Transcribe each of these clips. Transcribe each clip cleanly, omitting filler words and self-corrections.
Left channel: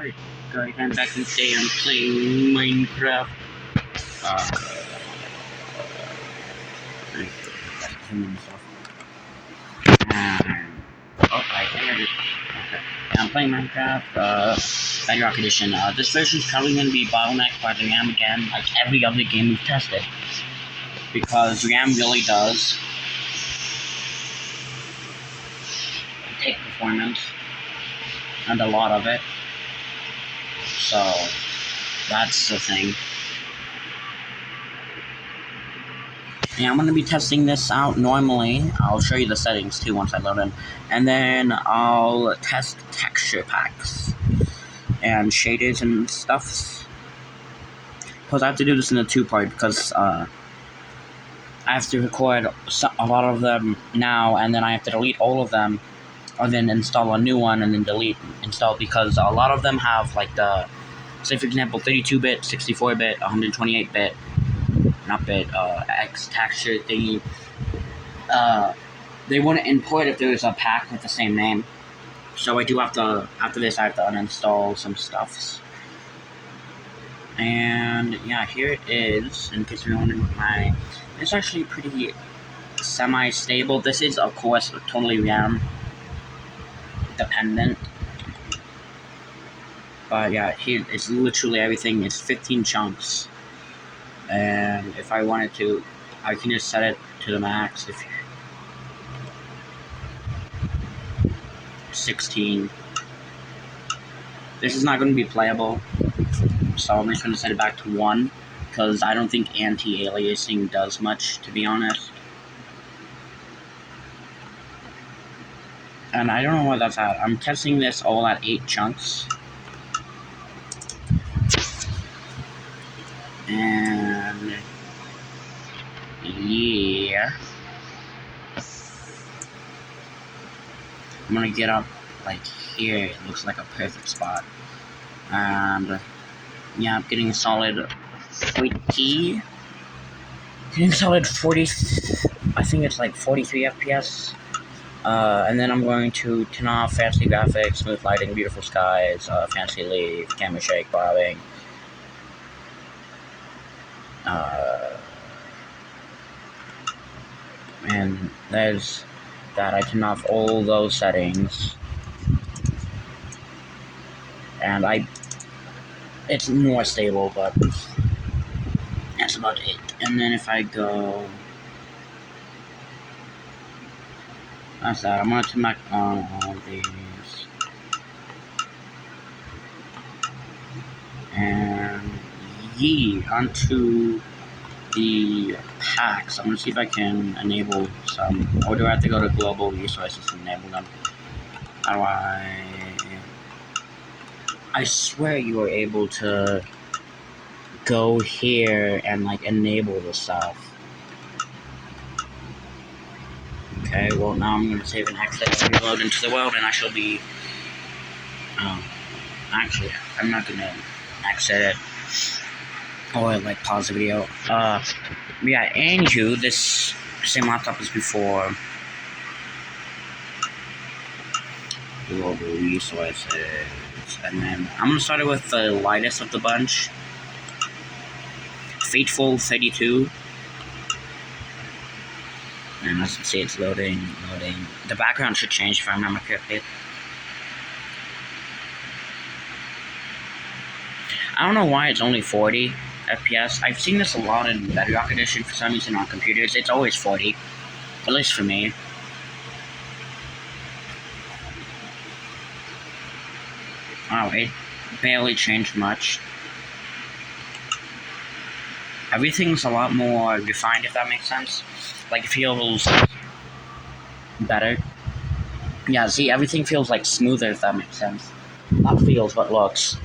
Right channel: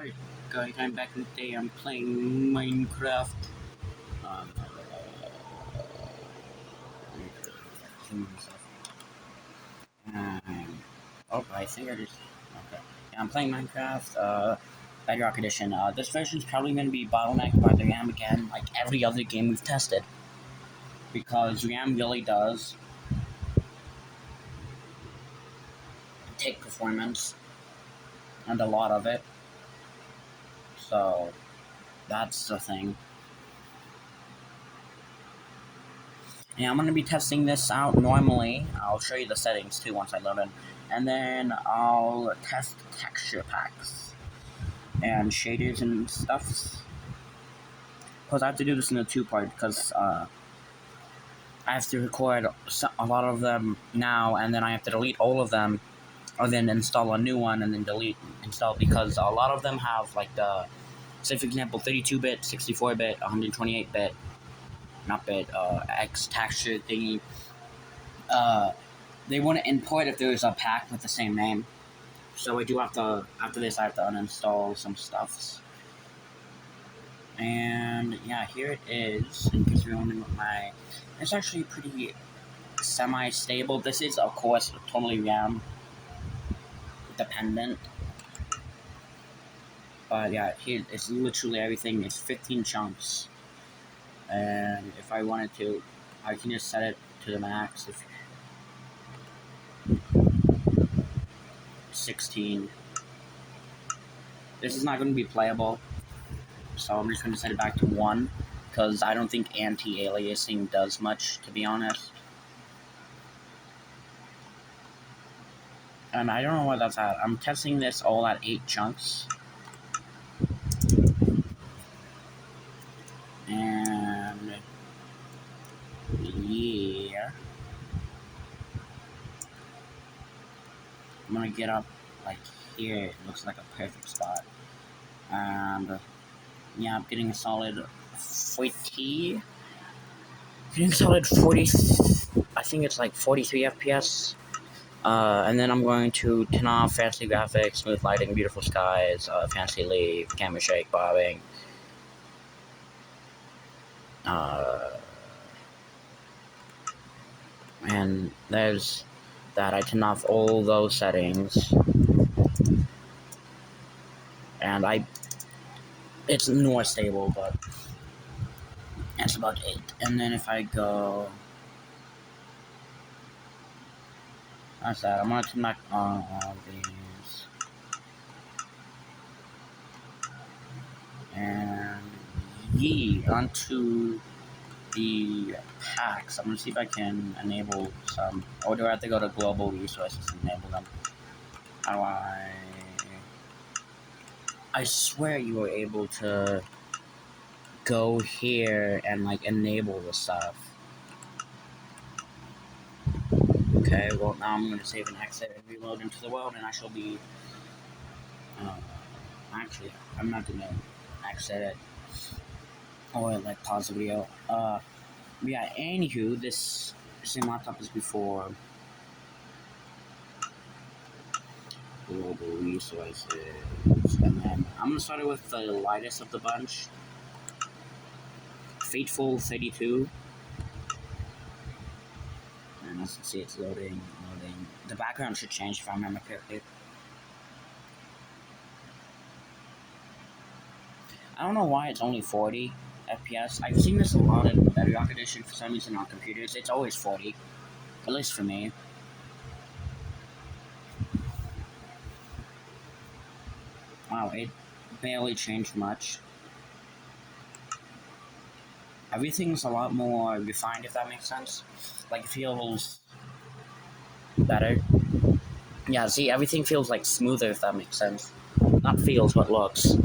Alright, guys, I'm back and today I'm playing Minecraft. Uh, I figured it. Okay. Yeah, I'm playing Minecraft, Bedrock Edition. This version's probably going to be bottlenecked by the RAM again, like every other game we've tested. Because RAM really does take performance, and a lot of it. So, that's the thing. Yeah, I'm going to be testing this out normally. I'll show you the settings too once I load in. And then I'll test texture packs and shaders and stuff. Because I have to do this in a two-part because I have to record a lot of them now, and then I have to delete all of them, and then install a new one, and then install, because a lot of them have like the, say for example, 32-bit, 64-bit, 128-bit, not bit, X texture thingy. They wouldn't import if there was a pack with the same name. So I do have to, after this, I have to uninstall some stuffs. And yeah, here it is. In case you're wondering, it's actually pretty semi-stable. This is, of course, totally RAM dependent. But yeah, here it's literally everything. It's 15 chunks. And if I wanted to, I can just set it to the max. If 16. This is not going to be playable, so I'm just going to set it back to 1, because I don't think anti-aliasing does much, to be honest. And I don't know what that's at. I'm testing this all at 8 chunks. And yeah, I'm gonna get up like here. It looks like a perfect spot. And yeah, I'm getting a solid 40. Getting solid 40. I think it's like 43 FPS. And then I'm going to turn off fancy graphics, smooth lighting, beautiful skies, fancy leaf, camera shake, bobbing. And there's that. I turn off all those settings, and it's more stable, but that's about it. And then if I go, that's that. I'm gonna turn back on all these, and onto the packs. I'm gonna see if I can enable some, or do I have to go to global resources and enable them? How do I swear you were able to go here and like enable the stuff. Okay, well now I'm gonna save and exit and reload into the world, and I shall be. Actually, I'm not gonna exit it or like pause the video. Yeah, anywho, this same laptop as before. Global resources, and then I'm gonna start it with the lightest of the bunch. Fateful 32. And as you can see, it's loading. The background should change if I remember correctly. I don't know why it's only 40 FPS. I've seen this a lot in Bedrock Edition for some reason on computers. It's always 40, at least for me. Oh, it barely changed much. Everything's a lot more refined, if that makes sense. Like, it feels better. Yeah, see, everything feels like smoother, if that makes sense. Not feels, but looks.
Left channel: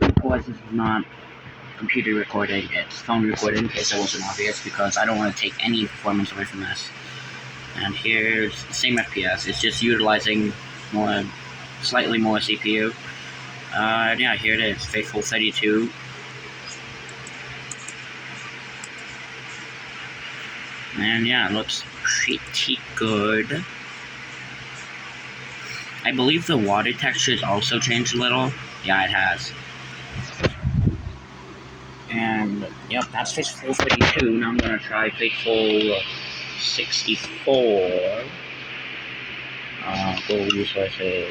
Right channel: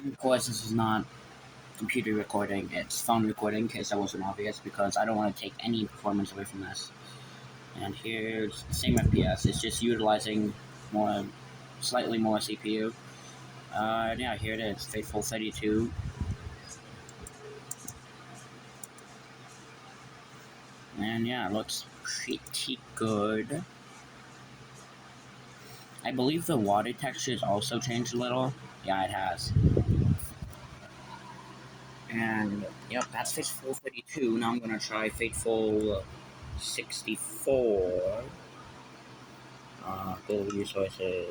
Of course, this is not computer recording, it's phone recording, in case that wasn't obvious, because I don't want to take any performance away from this. And here's the same FPS, it's just utilizing slightly more CPU. Yeah, here it is, Faithful 32. And yeah, it looks pretty good. I believe the water texture has also changed a little. Yeah, it has. And yep, that's Fateful 32. Now I'm gonna try Fateful 64. Go resources.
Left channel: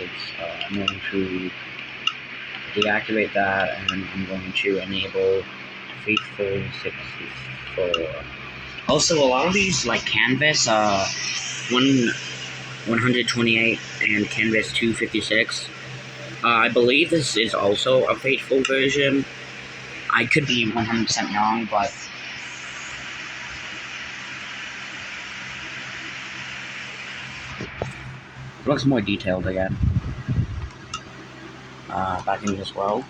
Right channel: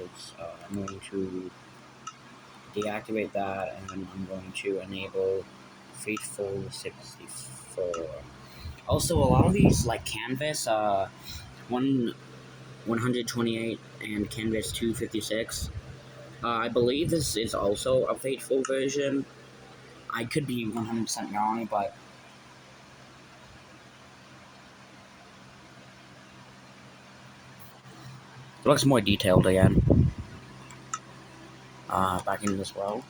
I'm going to deactivate that, and I'm going to enable Fateful 64. Also, a lot of these, like Canvas 128 and Canvas 256, I believe this is also a Fateful version. I could be 100% wrong, but it looks more detailed again. Back in this world.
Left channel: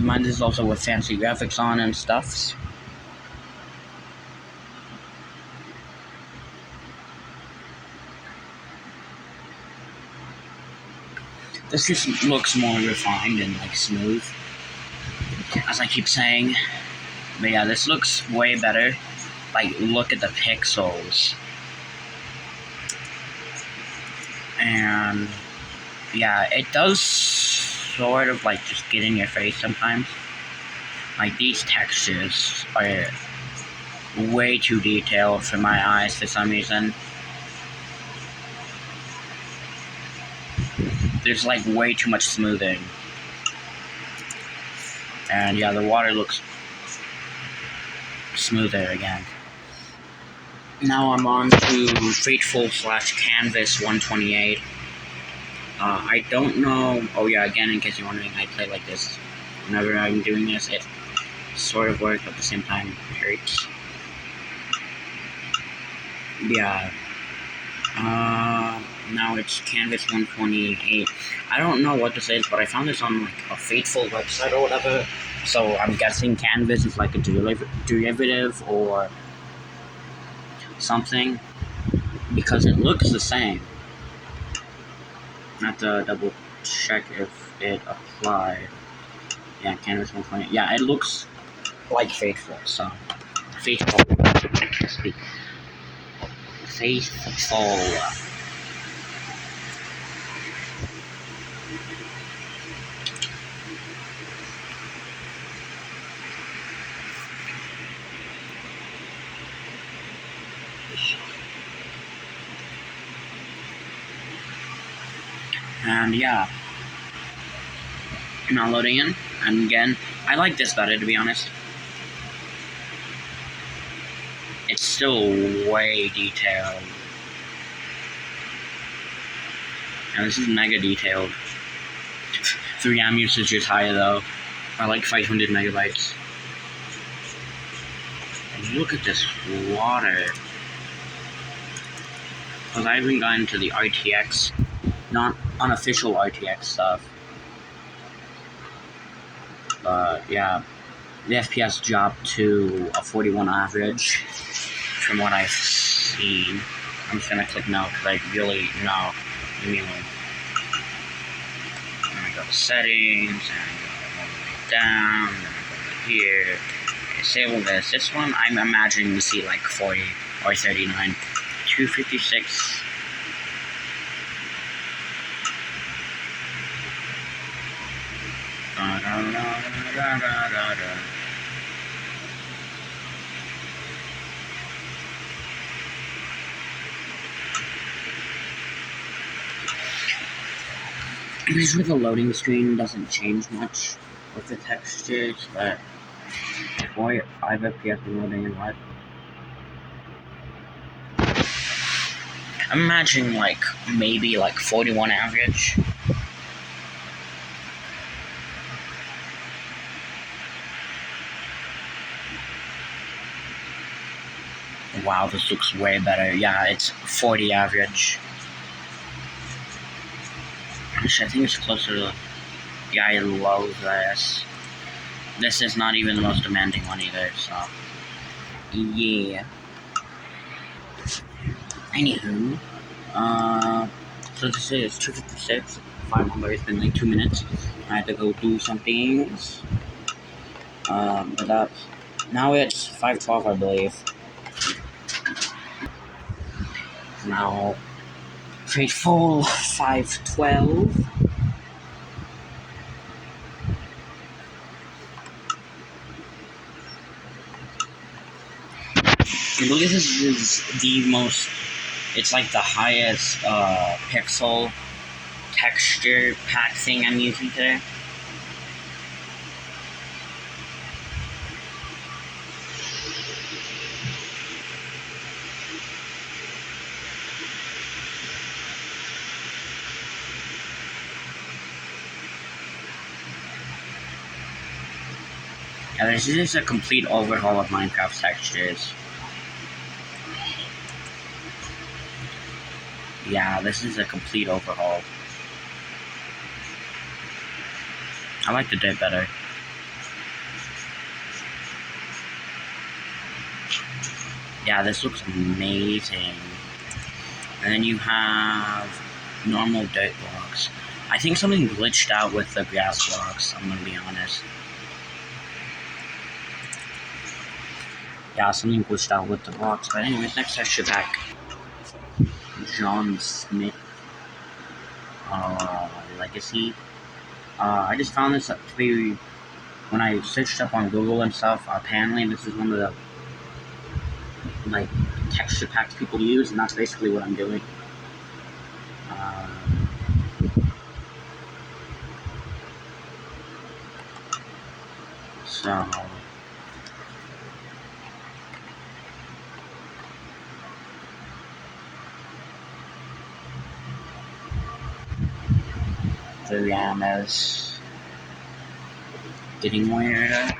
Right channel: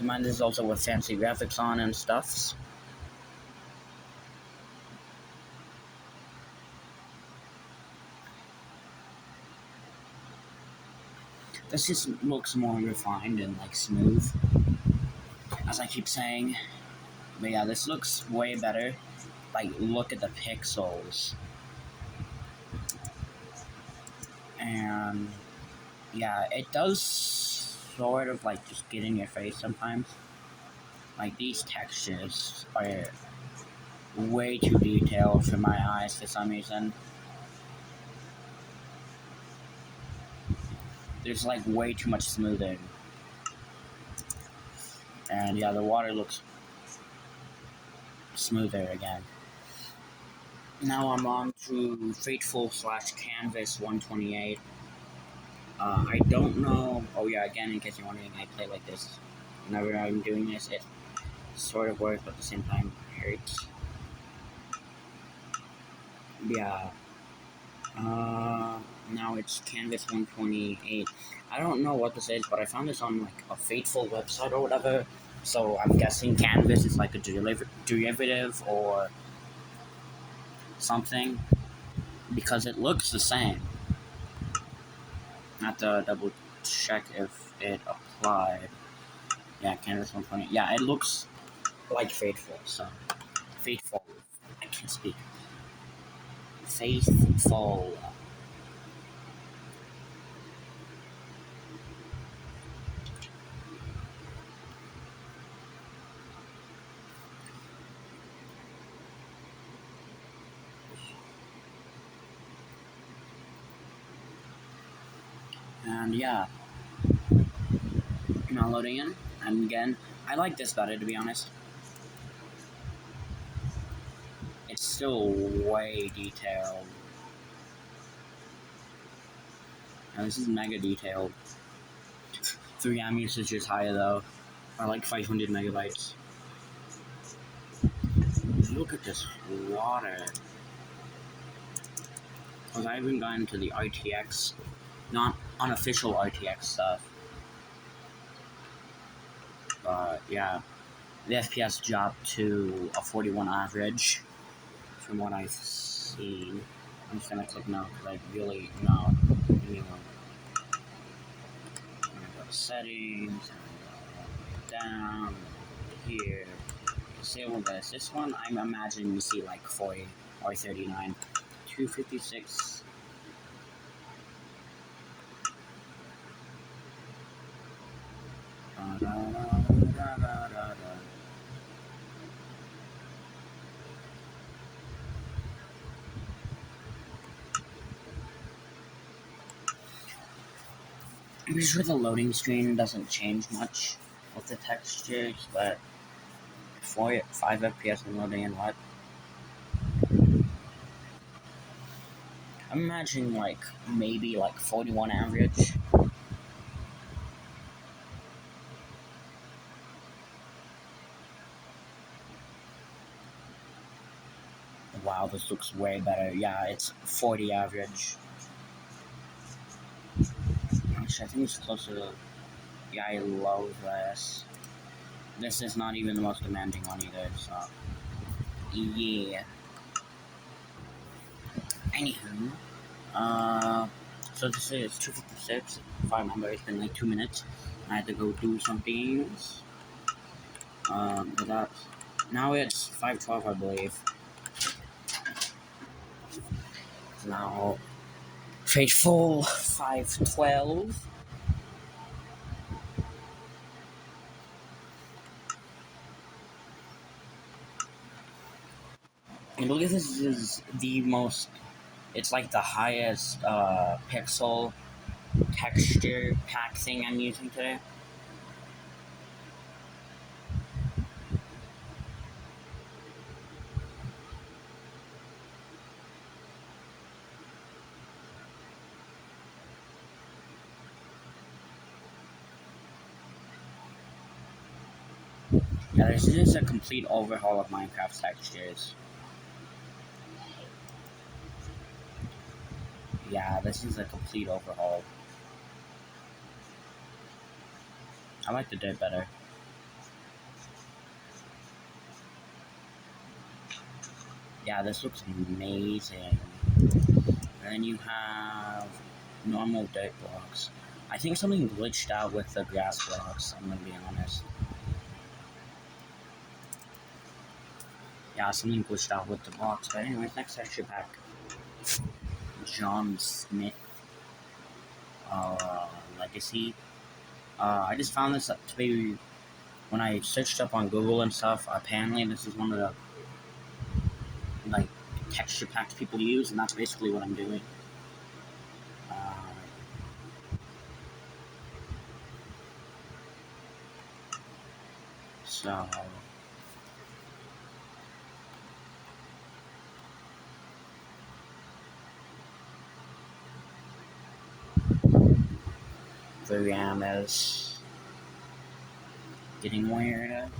Mine is also with fancy graphics on and stuff. This just looks more refined and like smooth, as I keep saying. But yeah, this looks way better. Like, look at the pixels. And yeah, it does sort of like just get in your face sometimes. Like, these textures are way too detailed for my eyes for some reason. There's like way too much smoothing. And yeah, the water looks smoother again. Now I'm on to Fateful/Canvas 128. I don't know. Oh yeah, again, in case you're wondering, I play like this. Whenever I'm doing this, it sort of works, but at the same time, it hurts. Yeah. Now it's Canvas 128. I don't know what this is, but I found this on like a Fateful website or whatever. So I'm guessing Canvas is like a derivative or something, because it looks the same. I have to double check if it applied. Yeah, Canvas 128. Yeah, it looks like Fateful, so Fateful. I can't speak. Faithful. And yeah, now loading in. And again, I like this better, to be honest. It's still way detailed. And this is mega detailed. 3 RAM usage is higher though. I like 500 megabytes. Look at this water. Because I haven't gotten to the RTX, not unofficial RTX stuff. But yeah, the FPS dropped to a 41 average from what I've seen. I'm just gonna click no because I really know. Give me one. And I go to settings, and I go down, and I go here. Disable this. This one I'm imagining to see like 40 or 39. 256. Usually the loading screen doesn't change much with the textures, but 5 FPS and loading in what? I'm imagining like maybe like 41 average. Wow, this looks way better. Yeah, it's 40 average. Actually, I think it's closer to... Yeah, I love this. This is not even the most demanding one either, so... Yeah. Anywho, so this is 256. 5 number, it's been like 2 minutes. I had to go do some things. But that's... Now it's 5:12, I believe. now faithful 512. And look at this is the most, it's like the highest pixel texture pack thing I'm using today. Yeah, this is a complete overhaul of Minecraft textures. Yeah, this is a complete overhaul. I like the dip better. Yeah, this looks amazing. And then you have normal dirt blocks. I think something glitched out with the grass blocks, I'm gonna be honest. Yeah, something glitched out with the blocks. But anyways, next texture pack. John Smith Legacy. I just found this to be, when I searched up on Google and stuff, apparently this is one of the like texture packs people use, and that's basically what I'm doing. So the Rihanna's getting weirder.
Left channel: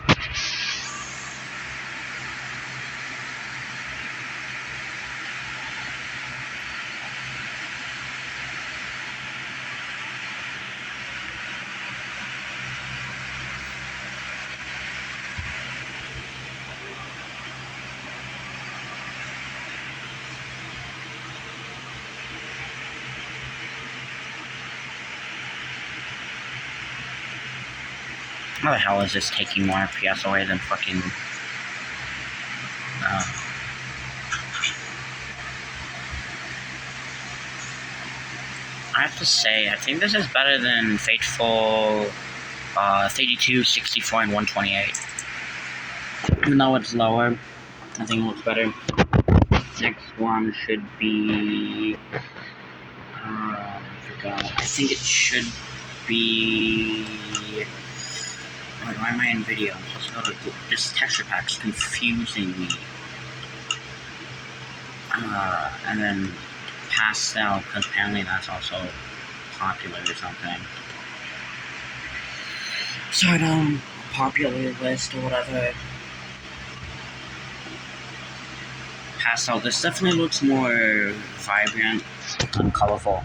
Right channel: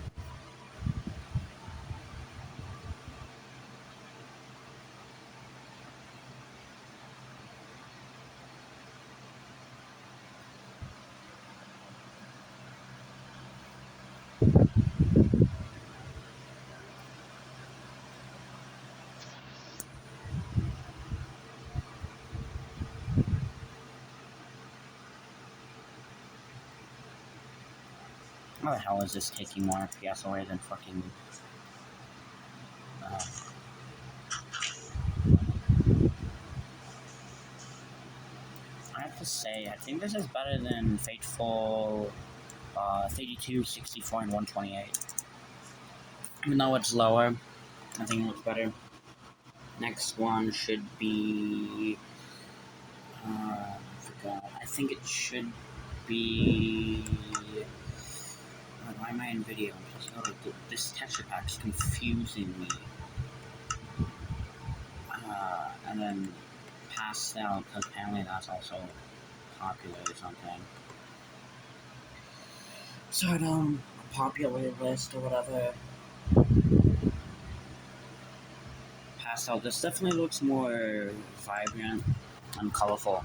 How the hell is this taking more FPS away than fucking... I have to say, I think this is better than Fateful 32, 64, and 128. Even though it's lower, I think it looks better. Next one should be... I forgot. I think it should be... Why am I in video? This texture pack's confusing me. And then pastel, because apparently that's also popular or something. Start on a popular list or whatever. Pastel, this definitely looks more vibrant and colorful.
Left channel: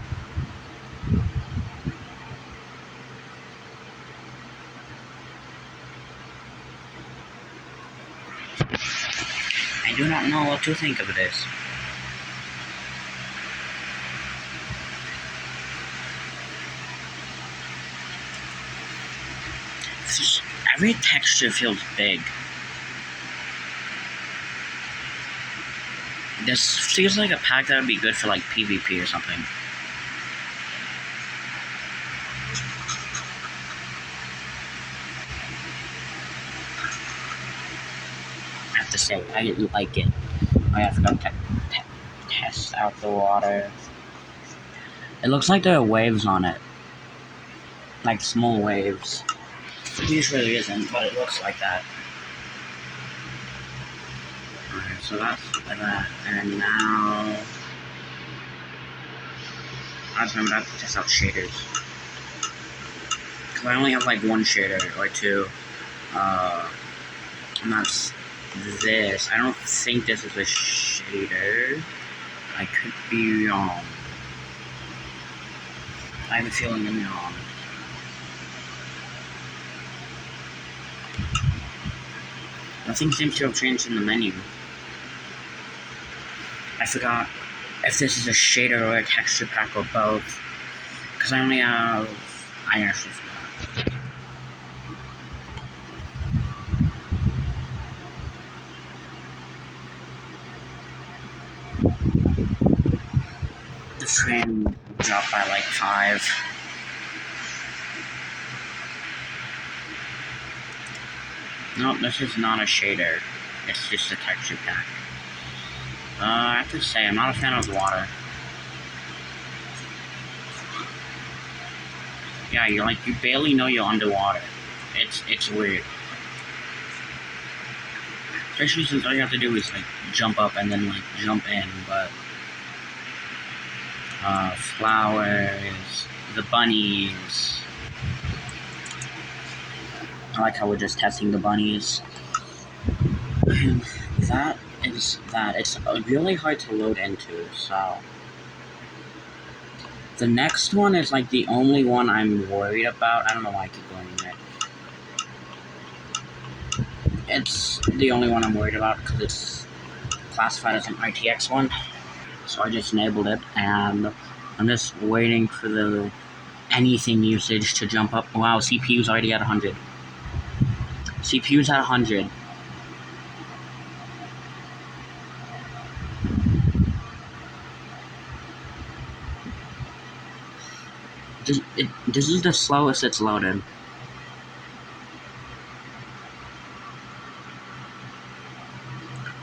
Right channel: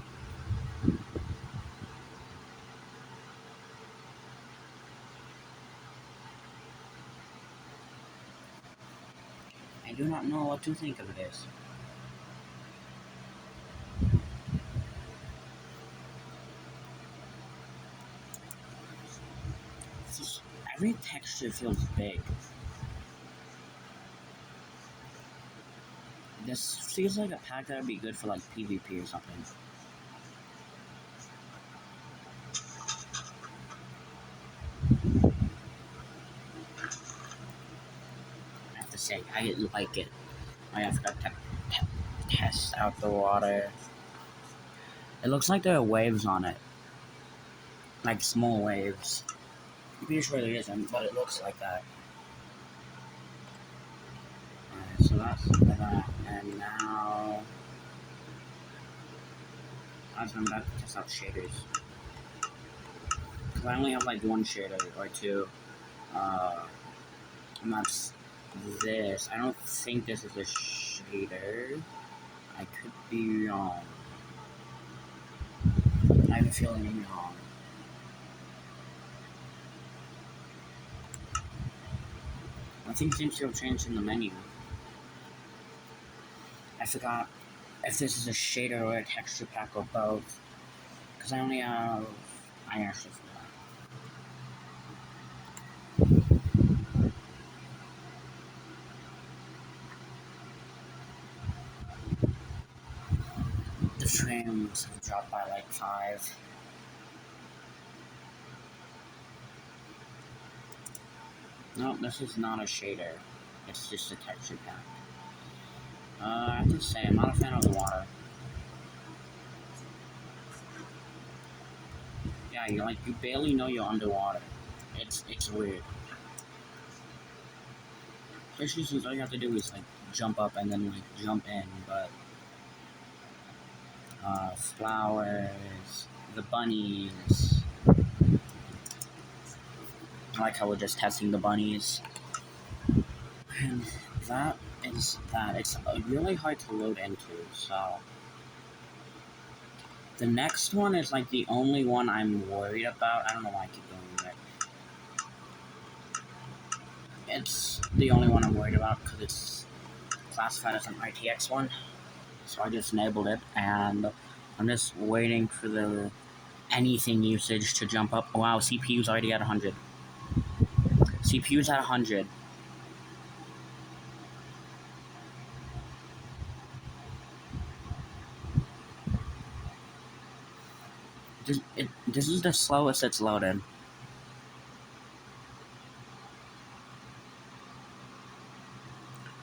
I do not know what to think of this. Every texture feels big. This feels like a pack that would be good for like PvP or something. I have to say, I like it. I forgot to test out the water. It looks like there are waves on it. Like small waves. Usually isn't, but it looks like that. Alright, so that's that. And now... I just remember I have to test out shaders. Because I only have like one shader, or two. And that's this. I don't think this is a shader. I could be wrong. I have a feeling I'm wrong. Nothing seems to have changed in the menu. I forgot if this is a shader or a texture pack or both. Because I only have... I actually forgot. The frames dropped by like 5. No, this is not a shader. It's just a texture pack. I have to say, I'm not a fan of the water. Yeah, you barely know you're underwater. It's weird. Especially since all you have to do is like jump up and then like jump in, but flowers, the bunnies. I like how we're just testing the bunnies. And that is that. It's really hard to load into, so. The next one is like the only one I'm worried about. I don't know why I keep going in there. It's the only one I'm worried about because it's classified as an ITX one. So I just enabled it, and I'm just waiting for the anything usage to jump up. Wow, CPU's already at 100. CPU's at 100. This is the slowest it's loaded.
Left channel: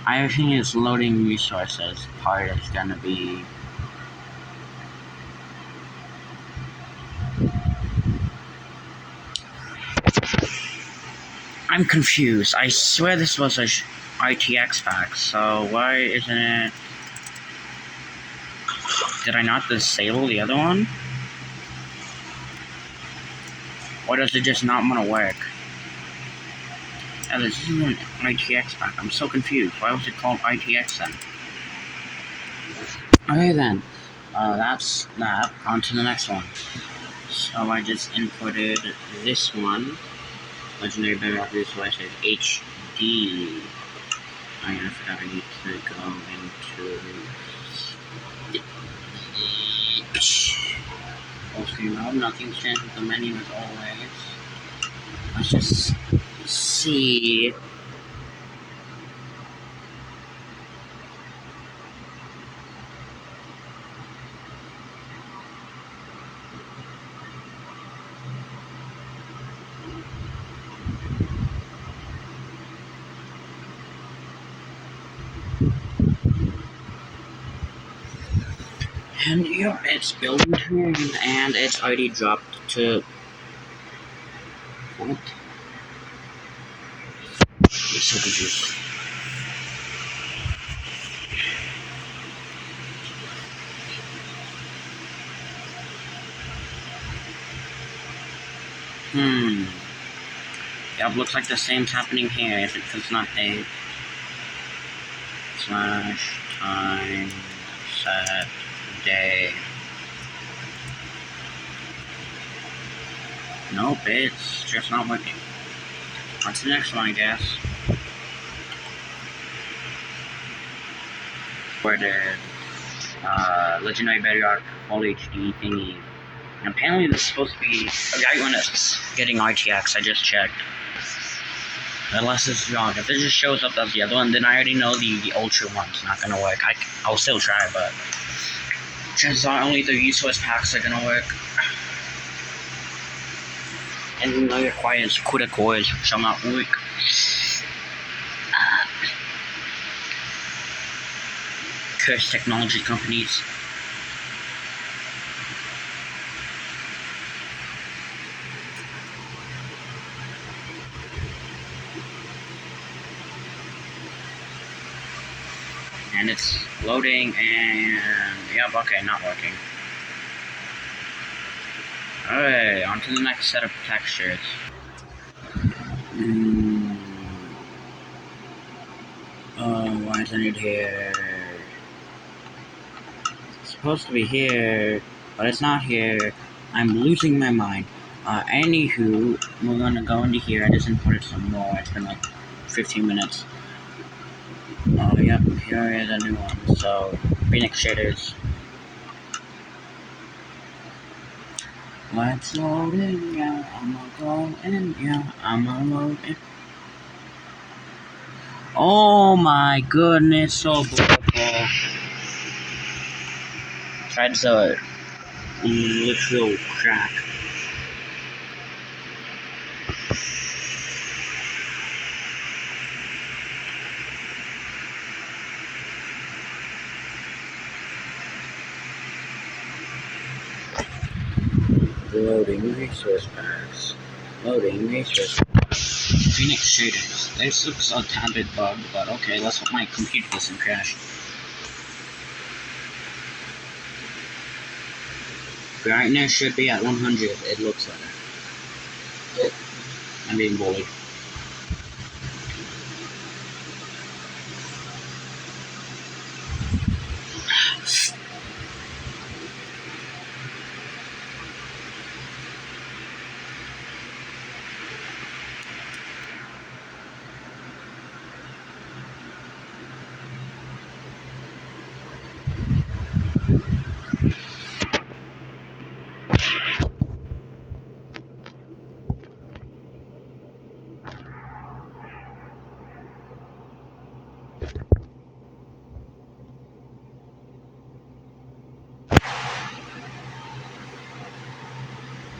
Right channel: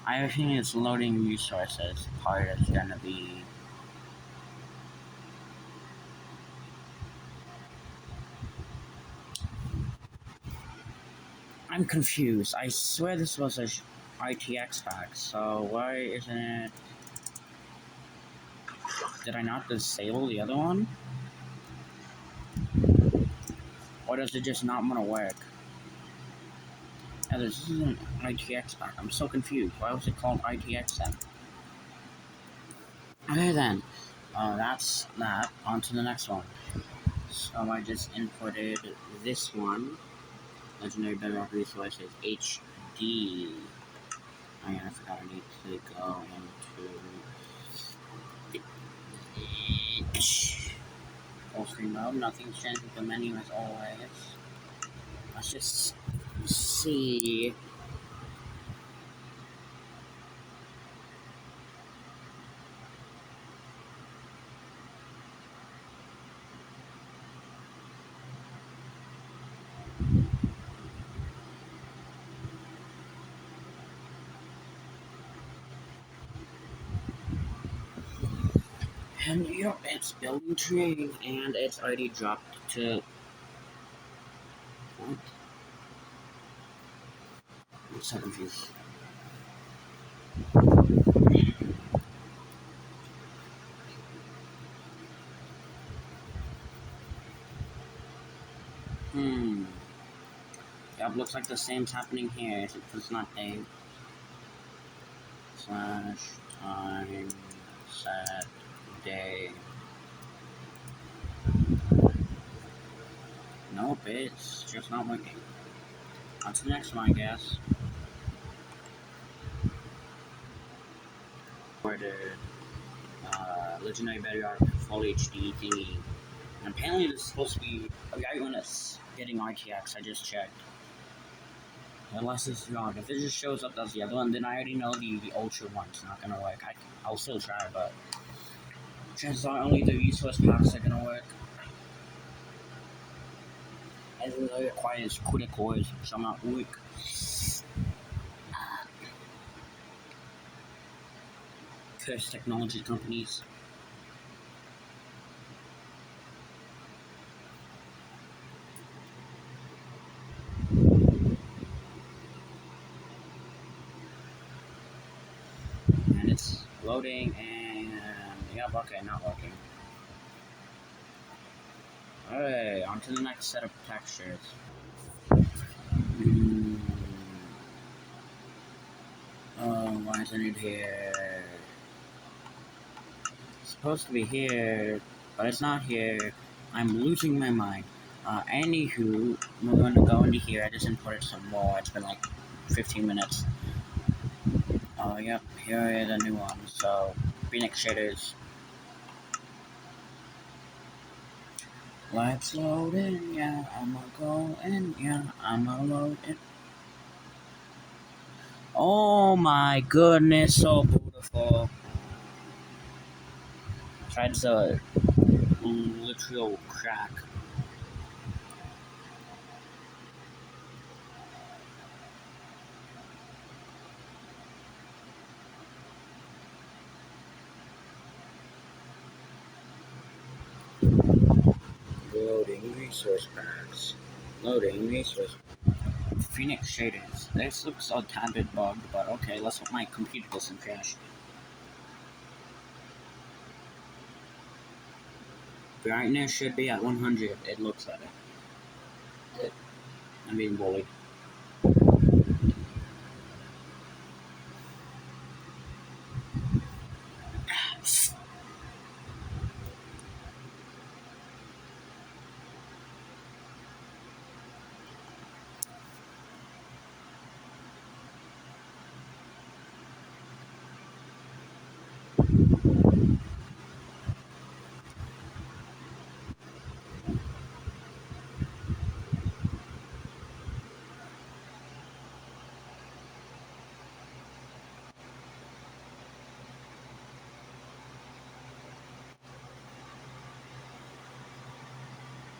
I think it's loading resources part is gonna be. I'm confused. I swear this was a ITX pack, so why isn't it? Did I not disable the other one? Or does it just not want to work? Yeah, this is an ITX pack. I'm so confused. Why was it called ITX then? Okay then, that's that. On to the next one. So I just inputted this one. Legendary Bedrock Resources HD. Oh yeah, I forgot I need to go into full screen mode. Nothing's changed with the menu as always. Let's just see. And yeah, it's building train, and it's already dropped to. What? It's so confused. Yep, looks like the same's happening here if it's not date. Slash time set day. Nope, it's just not working. What's the next one, I guess? For the Legendary Bedrock Full HD thingy. And apparently this is supposed to be a guy when it's getting RTX, I just checked. Unless it's wrong. If it just shows up as the other one, then I already know the Ultra one's not gonna work. I'll still try, but chances are only the resource packs are gonna work. And it requires CUDA cores, which I'm not work. Curse technology companies. And it's loading, and yep, okay, not working. Alright, on to the next set of textures. Oh, why isn't it here? It's supposed to be here, but it's not here. I'm losing my mind. Anywho, we're gonna go into here. I just imported some more. It's been like 15 minutes. Oh, yep, here is a new one. So, Phoenix shaders. Let's load in, yeah, I'ma go in, yeah, I'ma load in. Oh my goodness, so beautiful. That's a literal crack. Loading resource packs. Loading resource packs. Phoenix shaders. This looks a tad bit bugged, but okay, let's hope my computer doesn't crash. Brightness should be at 100, it looks like. I'm being bullied.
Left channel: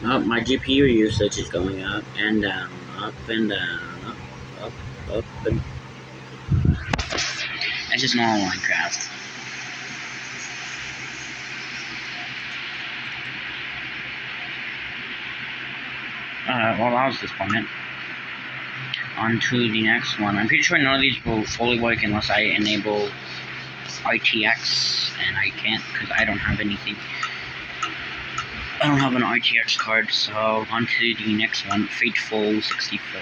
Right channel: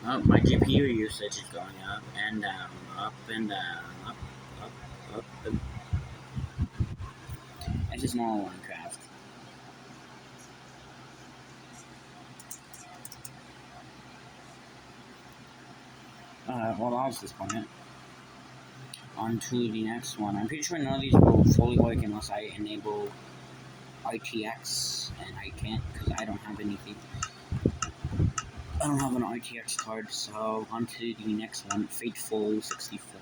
Oh, my GPU usage is going up and down, up and down, up and... It's just normal Minecraft. Well, that was disappointing. On to the next one. I'm pretty sure none of these will fully work unless I enable RTX, and I can't because I don't have anything. I don't have an RTX card, so on to the next one, Fateful 64.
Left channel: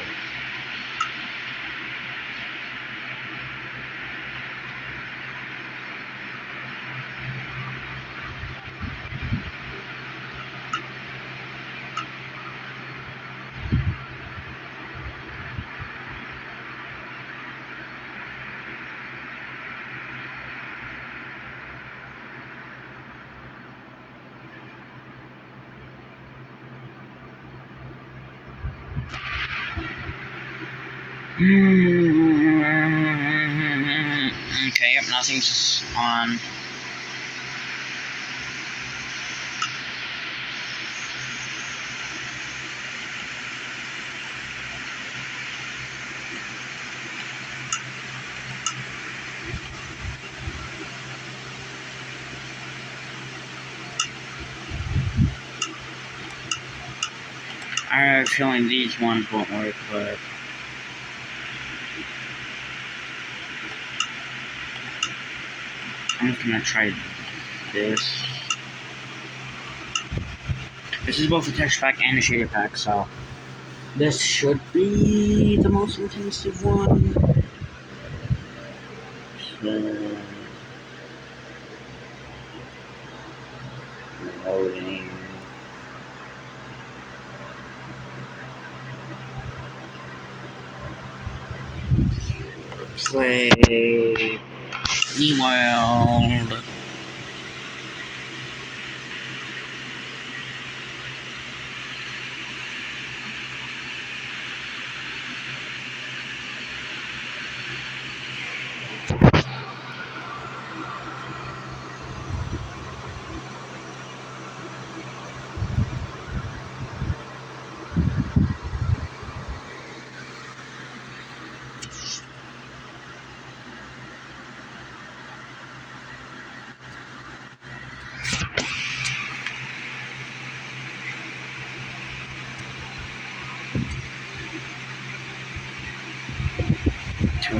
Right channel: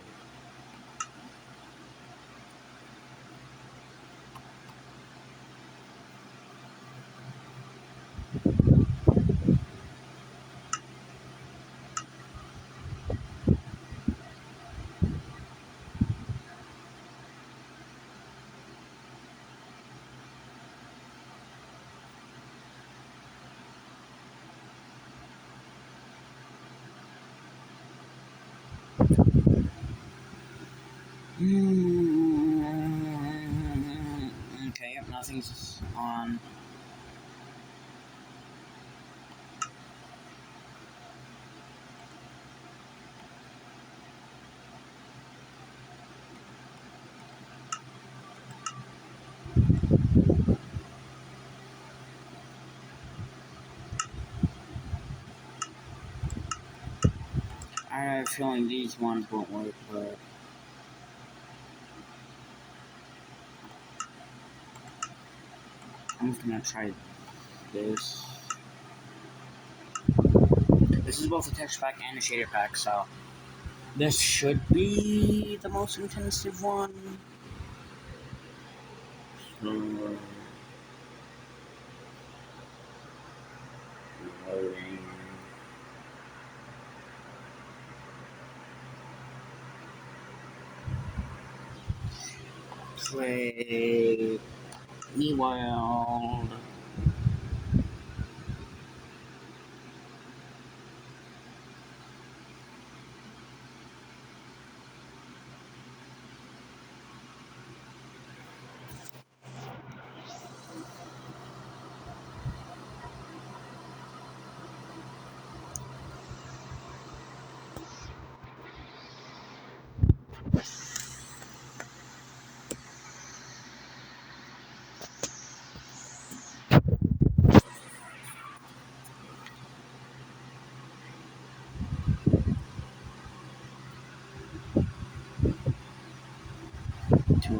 Okay, yep, nothing's on. I have a feeling these ones won't work, but I'm just gonna try this. This is both a texture pack and a shader pack, so this should be the most intensive one. So, loading. Play the world.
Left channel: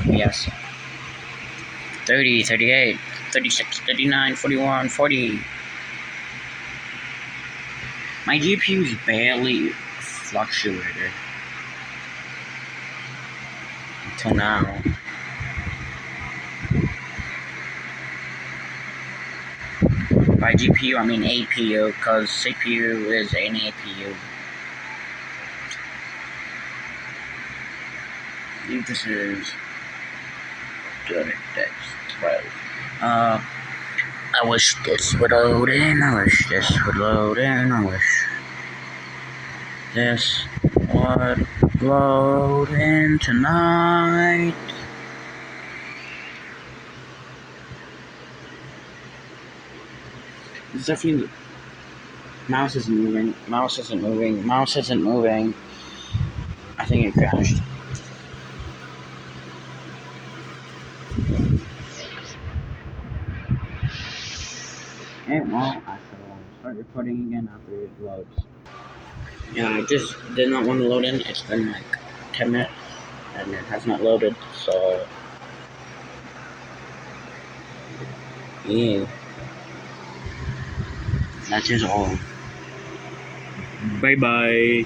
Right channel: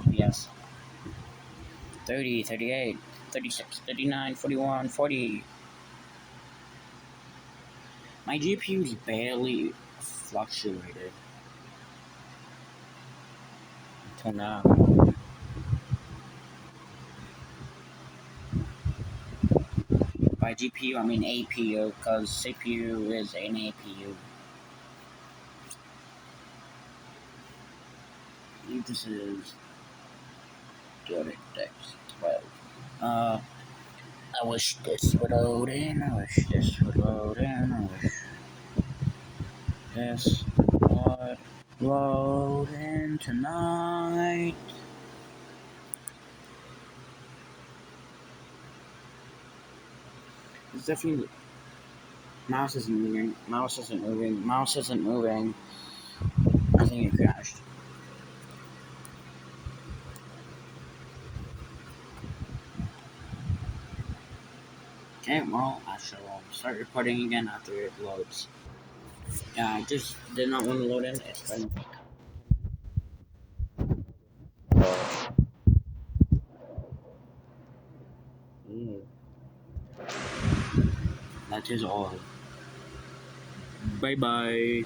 Yes. 30, 38, 36, 39, 41, 40. My GPU's barely fluctuated until now. By GPU, I mean APU, because CPU is an APU. I think this is 12. I wish this would load in, I wish this would load in, I wish this would load in tonight. It's definitely mouse isn't moving. Mouse isn't moving. Mouse isn't moving. I think it crashed. Okay, well, I shall start recording again after it loads. Yeah, I just did not want to load in. It's been like 10 minutes and it has not loaded, so. Yeah. That is all. Bye bye.